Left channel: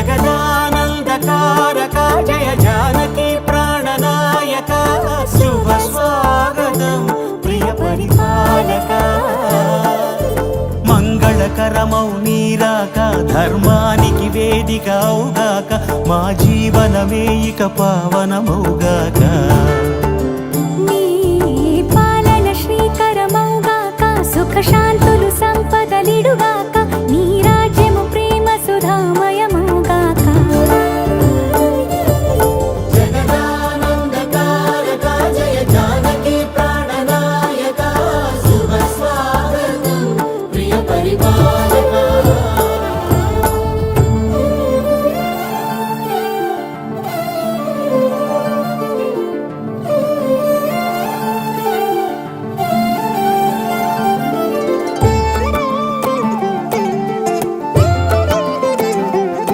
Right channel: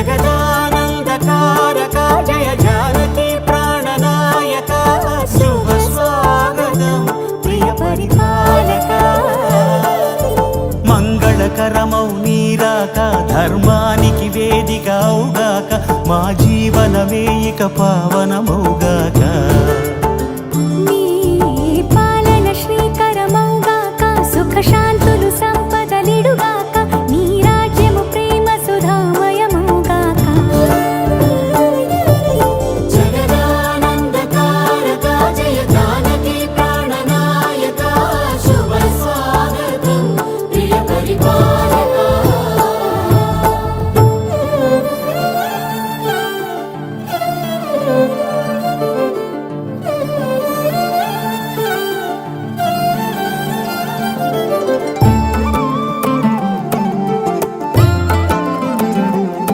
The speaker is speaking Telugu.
జగదానందకారక జయ జానకి ప్రాణనాయక శుభ స్వాగతం ప్రియ పరిపాలక మంగళకరమౌ నీరాక ధర్మానికి వేదిక అవుగాక మా జీవనమే ఇక పావనమౌగాక నీ పాలన శ్రీకరమౌగాక సుఖ శాంతులు సంపదలిడుగా